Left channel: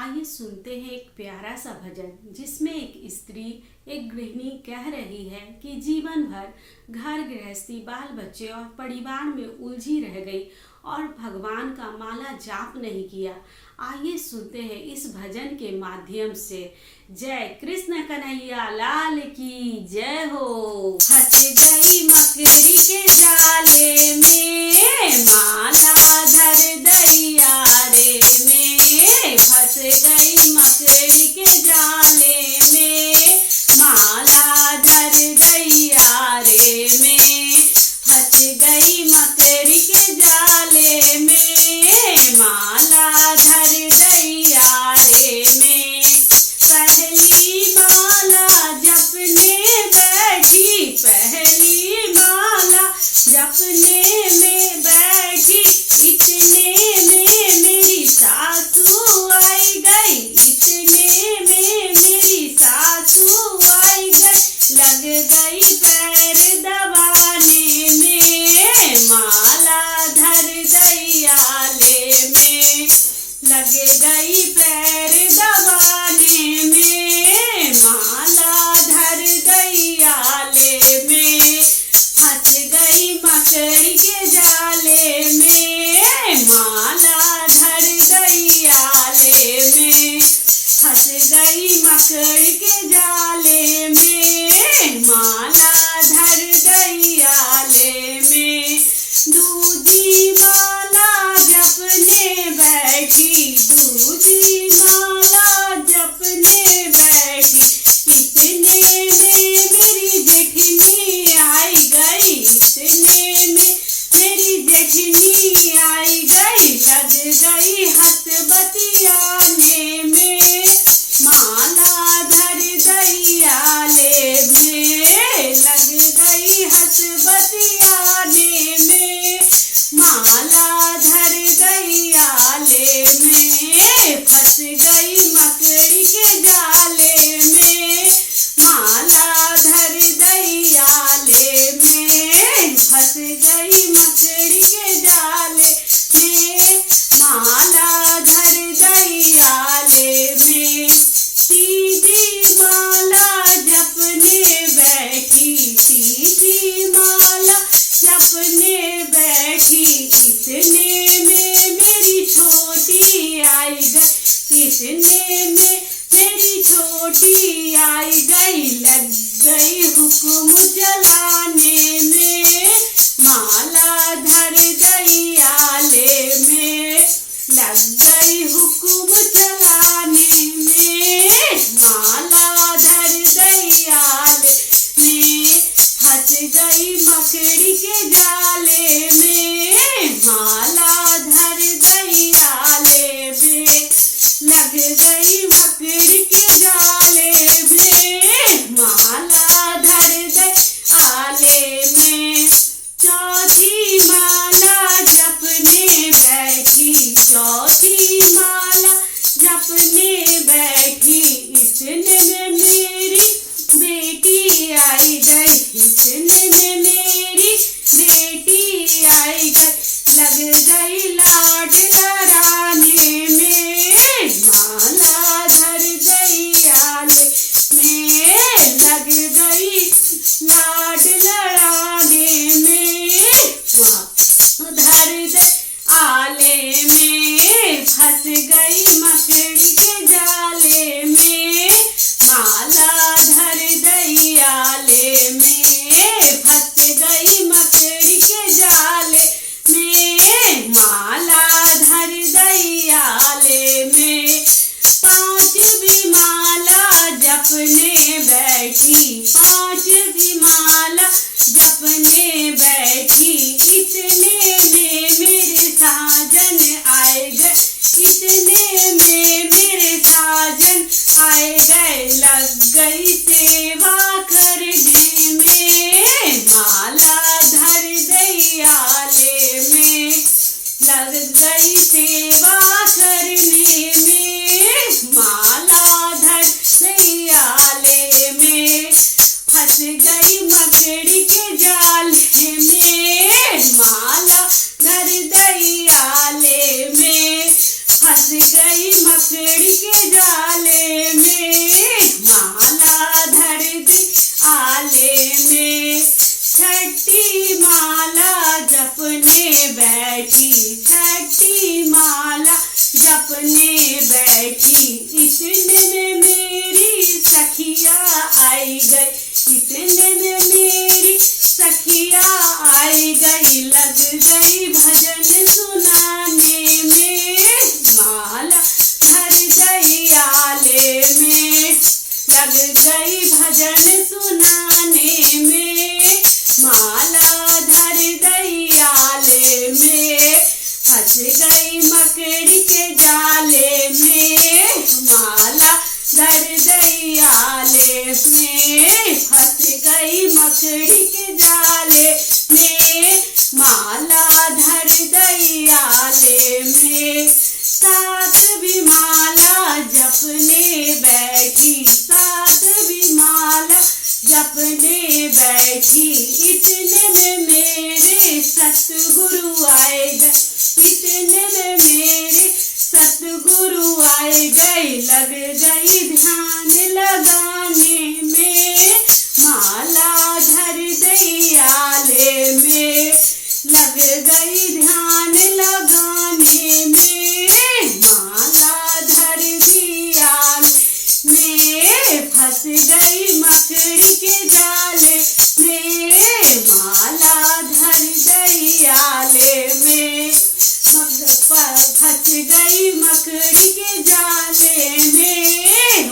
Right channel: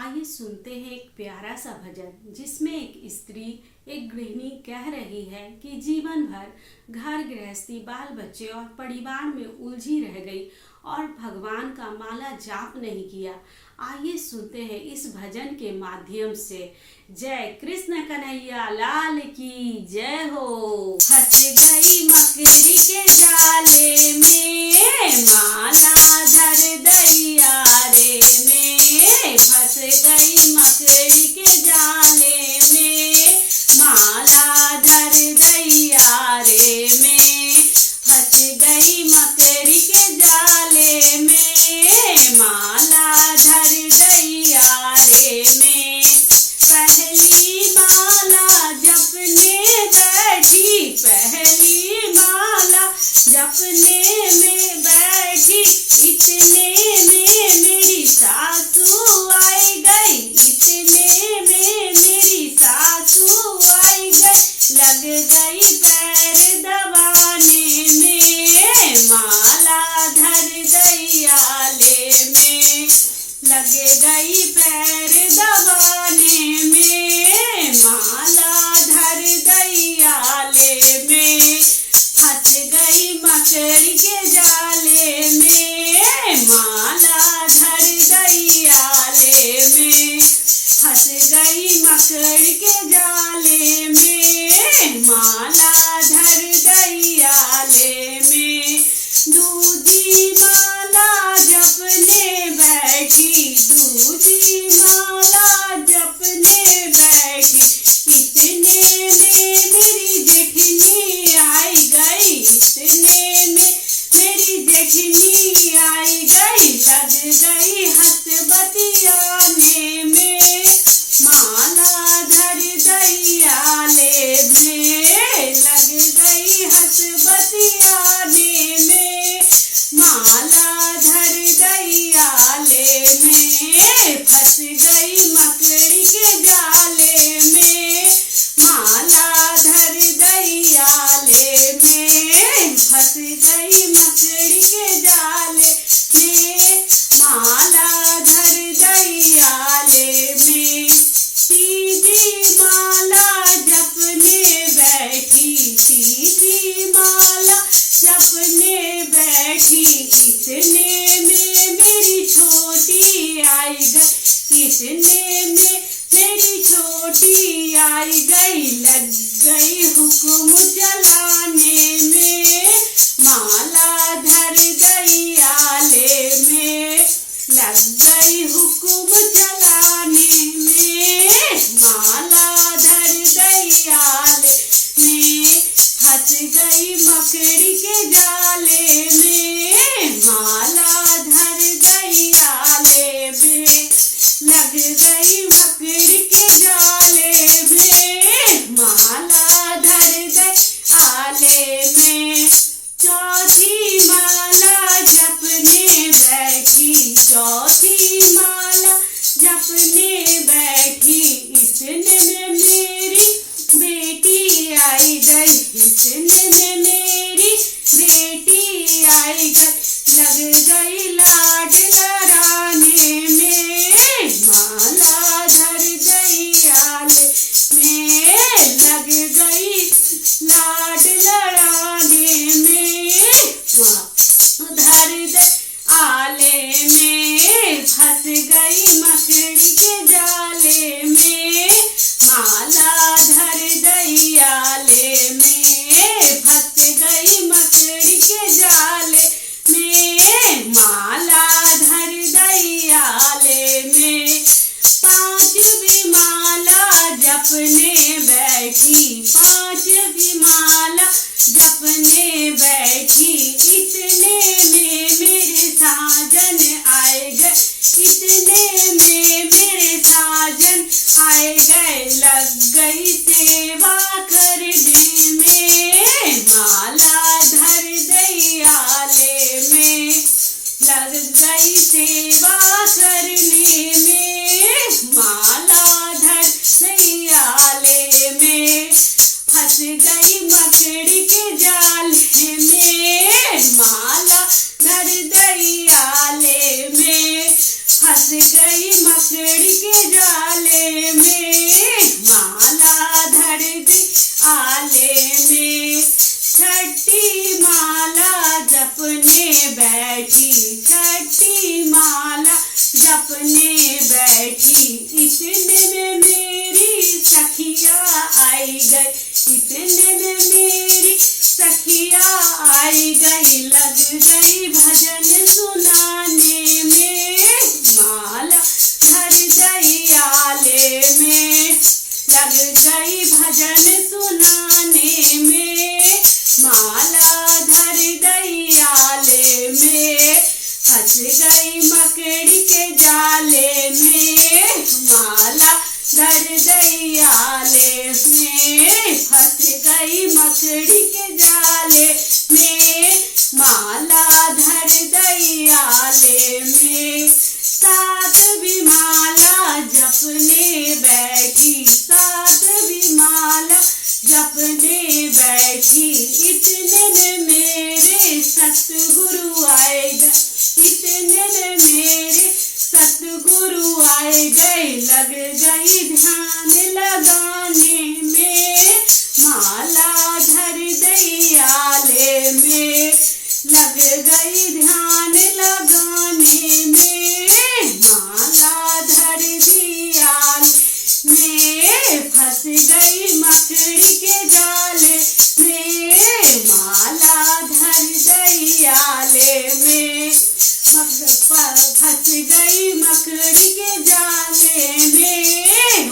आइए सुनते हैं एक प्यारा सा भजन जिसमें एक स्त्री एक गृहिणी कह रही है कि जीवन भर घर गृहस्थी बाल बच्चे और परिवार में उलझी रह गई और भगवान का माला जाप नहीं किया। आइए सुनते हैं इस भजन के माध्यम से। जय कृष्ण कन्हैया लाल की जय हो। फंस गई मकड़ी के जाले में माला धर दैया रे में। फंस गई मकड़ी के जाले में माला धर दैया रे में। फंस गई मकड़ी के जाले में माला धर दैया रे में। पहली माला जपने बैठी, पहली माला जपने में बैठी, इतने में मेरी सासू आई गई, इतने में मेरी सासू आई गई। लग गई पैर दबाने में माला धर दैयाले में। लग गई पैर दबाने में माला धर दैयाले में। फंस गई मकड़ी के जाले में माला धर दैयाले में। फंस गई मकड़ी के जाले में माला धर दैयाले में। दूजी माला जपने बैठी, दूजी माला जपने बैठी, इतने में मेरी जेठनी आई गई, इतने में मेरी जेठनी आई गई। लग गई हंस बतियाने में माला धर दैयाले में। लग गई हंस बतियाने में माला धर दैयाले में। फंस गई मकड़ी के जाले में माला धर दैयाले में। फंस गई मकड़ी के जाले में माला धर दैयाले में। तीजी माला जपने बैठी, तीजी माला जपने बैठी, इतने में मेरी छोटी आई गई, इतने में मेरी छोटी आई गई। लग गई हुक्म चलाने में माला धर दैयाले में। लग गई हुक्म चलाने में माला धर दैयाले में। फंस गई मकड़ी के जाले में माला धर दैयाले में। लग गई मकड़ी के जाले में माला धर दैयाले में। चौथी माला जपने बैठी, चौथी माला जपने बैठी, इतने में मेरी बेटी आई गई, इतने में मेरी बेटी आई गई। लग गई लाड लड़ाने में माला धर दैयाले में। लग गई लाड लड़ाने में धर दैयाले में। फंस गई मकड़ी के जाले में माला धर दैयाले में। फंस गई मकड़ी के जाले में माला धर दैयाले में। पांचवी माला जपने बैठी, पांचवी माला जपने बैठी, इतने में मेरे साजन आए गए, इतने में मेरे साजन आए गए। लग गई सेवा करने में माला धर दैयाले में। लग गई सेवा करने में माला धर दैयाले में। फंस गई मकड़ी के जाले में माला धर दैयाले में। फंस गई मकड़ी के गई मकड़ी के जाले में, माला धर गई आले में। फंस गई मकड़ी के जाले में, माला धर गई आले में। सातवीं माला जपने बैठी, सातवीं माला जपने बैठी। इतने में मेरे सतगुरु आए गए, इतने में मेरे सतगुरु आए गए। लग गई ध्यान लगाने में, माला धर गई आले में। लग गई ध्यान लगाने में, माला धर दी आले में। फंस गई मकड़ी के जाले में, माला धर गई आले में। फंस गई मकड़ी के जाले में,